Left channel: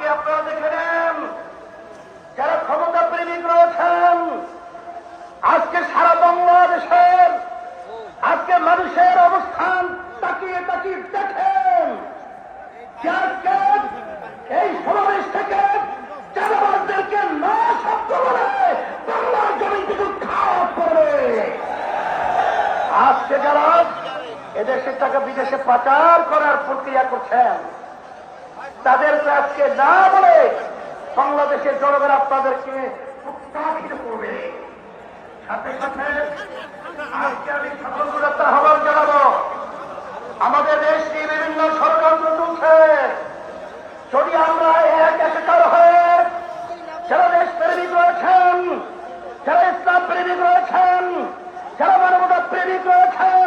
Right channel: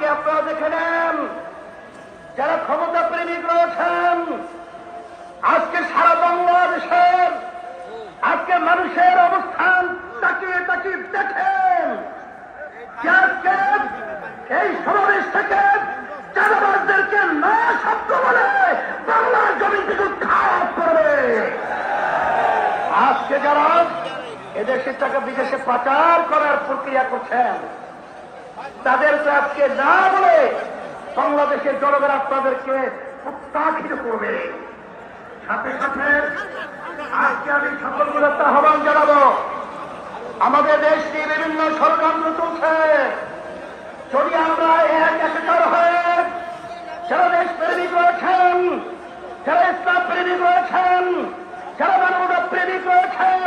আজকে আপনারা দেখে নেন, যারা ক্ষমতা প্রেমিক রয়েছেন, আজকে সারা বাংলাদেশের আজকে মানুষের অবস্থান তাকিয়ে তাকিয়ে দেখেন যে আজকে এই সমাবেশ থেকে চাঁদাবাজদেরকে না শব্দ বলে বাংলার জমি থেকে খাওয়া পড়বে। আজকে যারা এদেশের টাকা বিদেশে পাচার করার প্রক্রিয়া করছেন, তাদেরকে আজকে না বলে বাংলাদেশের জনগণ আপনাদেরকে উৎসাহিত করবে। সাথে সাথে আজকে আমি সকলকে একটা আহ্বান জানাবো, আমাদের দেশ নিয়ে বিভিন্ন ষড়যন্ত্র চলছে। যদি আমরা একাকার হয়ে যারা দেশ প্রেমিক রয়েছেন, যারা ইসলাম প্রেমিক রয়েছেন, যারা মানবতা প্রেমিক রয়েছেন,